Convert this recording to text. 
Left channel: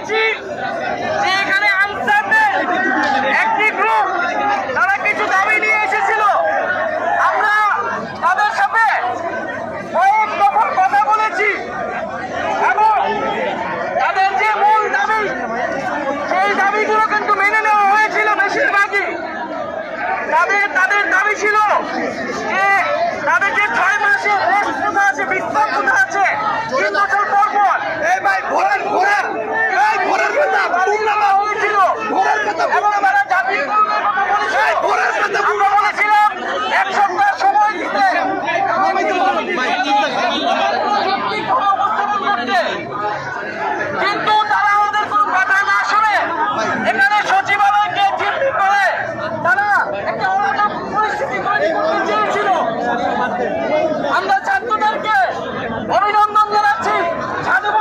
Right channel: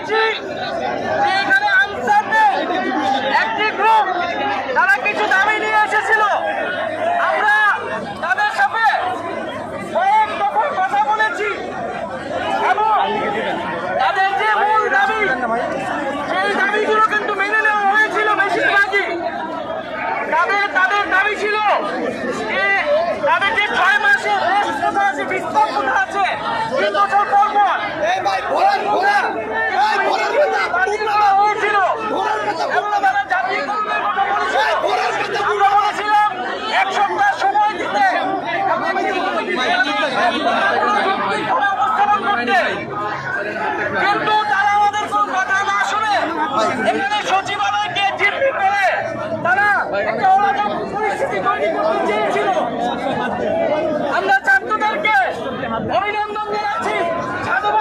দেখেছি যে এখানে আনসারদের একটি গ্রুপ তারা কিছু দাবি নিয়ে এসেছিল। আমরা তাদের সাথে কয়েক দফা কথা বলেছি এবং তাদের যে মূল দাবি সেই দাবিগুলো কিন্তু মেনে নেওয়া হয়েছিল বেশিরভাগই। তাদের দাবি ছিল যে তাদের যে 6 মাসের রেস্ট কোথা আছে, বিশ্রাম কোথা আছে, 3 বছর পর পর হয়েছিল এবং তারা জাতীয় কর্মের কথা বলেছিল। আমরা বলেছিলাম 1 সপ্তাহ সময় দিতে উপস্থাপন করতে, কিন্তু তারা আমাদের কোন কথা না শুনে এখানে সচিবালয়কে জিম্মি করে তারা একটা অরাজক পরিস্থিতি তৈরি করতে চেয়েছিল। আমরা ছাত্রদেরকে অভিনন্দন জানাচ্ছি।